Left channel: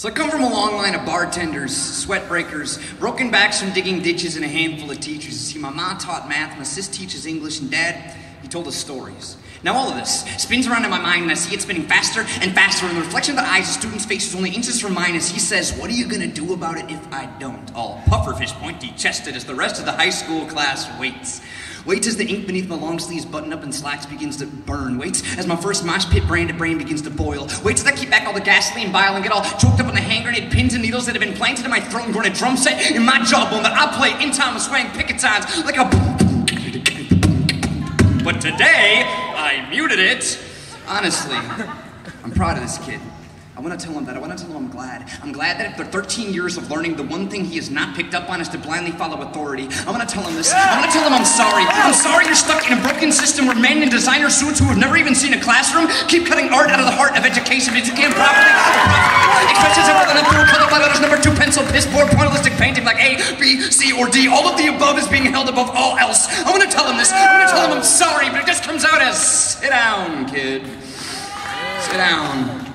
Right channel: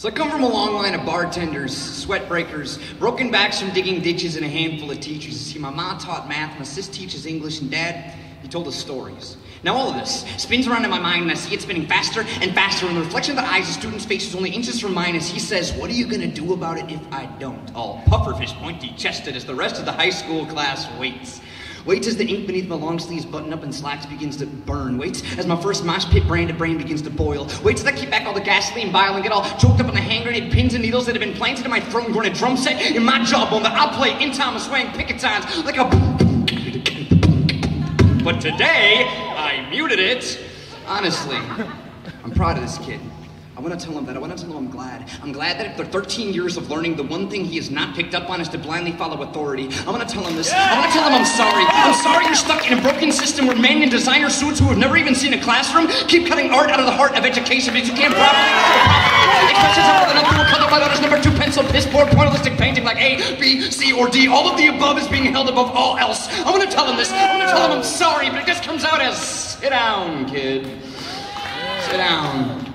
So I come from a long line of bartenders, sweat breakers, broken backs from digging ditches, and a handful of teachers. You see, my mom taught math, my sis teaches English, and Dad, he told us stories. Now all of this spins around in my mind, and I see it spinning faster and faster, and the reflection of the eyes of students' faces only inches from mine as he says, "What are you gonna do about it if I don't?" All pufferfish, pointy-chested as the rest of the high school class waits. Waits as the ink beneath my long sleeves button up and slacks begins to burn. Waits as my first mosh pit branded brain begins to boil. Waits as I keep back all the gasoline bile and get all choked up on the hand grenade pins and needles that have been planted in my throat and grown a drum set in my jawbone that I'll play in time of swaying picket signs like a But today, I muted it. Honestly, I'm proud of this kid. I want to tell him that. I want to tell him I'm glad. I'm glad that after 13 years of learning, the one thing he has not picked up on is to blindly follow authority. I want to tell him this. I want to tell him I'm sorry. I'm sorry you're stuck in a broken system where men in designer suits who have never even seen a classroom keep cutting art out of the heart of education because you can't properly expressions of an uncool color by letters number 2 pencil, piss board, pointillistic painting like A, B, C, or D. All of the above is being held above all else. I want to tell him this. I want to tell him I'm sorry, but it just comes out as, sit down, kid. Sit down.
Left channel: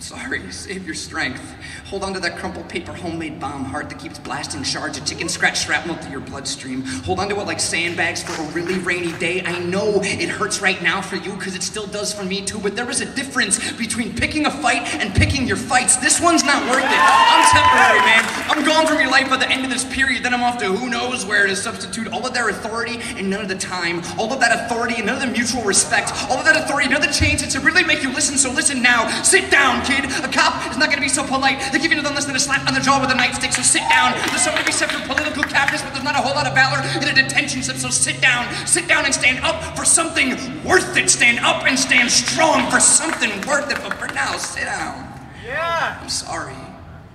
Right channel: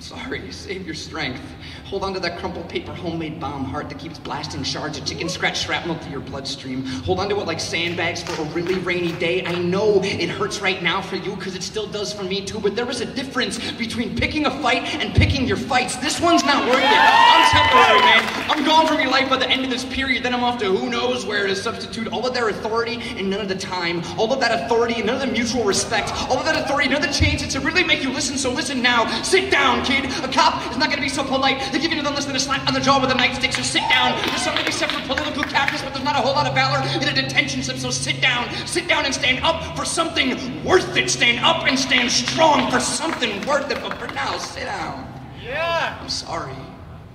Sorry, save your strength. Hold on to that crumpled paper homemade bomb heart that keeps blasting shards of chicken scratch shrapnel through your bloodstream. Hold on to it like sandbags for a really rainy day. I know it hurts right now for you because it still does for me too, but there is a difference between picking a fight and picking your fights. This one's not worth it. I'm temporary, man. I'm gone from your life by the end of this period. Then I'm off to who knows where to substitute all of their authority and none of the time. All of that authority and none of the mutual respect. All of that authority and none of the chances to really make you listen. So listen now. Sit down, kid. A cop is not going to be so polite. They give you nothing less than a slap on the jaw with a nightstick, so sit down. There's something to be said for political cowardice, but there's not a whole lot of valor in a detention slip, so sit down. Sit down and stand up for something worth it. Stand up and stand strong for something worth it, but for now, sit down. Yeah. I'm sorry.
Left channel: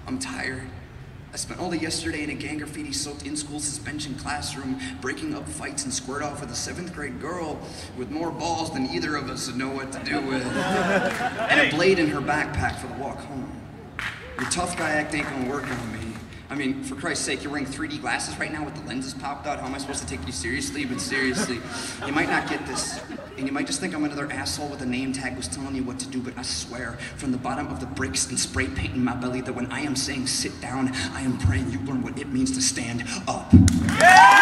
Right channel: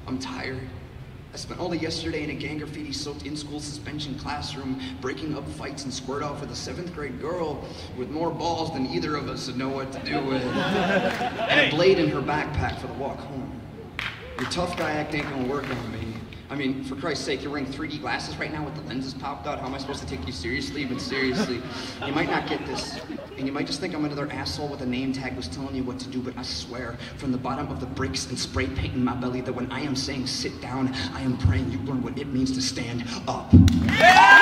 I'm tired. I spent all of yesterday in a gang graffiti-soaked in-school suspension classroom, breaking up fights and squared off with a 7th grade girl with more balls than either of us would know what to do with, and a blade in her backpack for the walk home. Your tough guy act ain't gonna work on me. I mean, for Christ's sake, you're wearing 3D glasses right now with the lenses popped out. How am I supposed to take you seriously? But seriously, you might not get this. And you might just think I'm another asshole with a name tag who's telling you what to do, but I swear, from the bottom of the bricks and spray paint in my belly, that when I am saying sit down, I am praying you learn what it means to stand up. Yeah!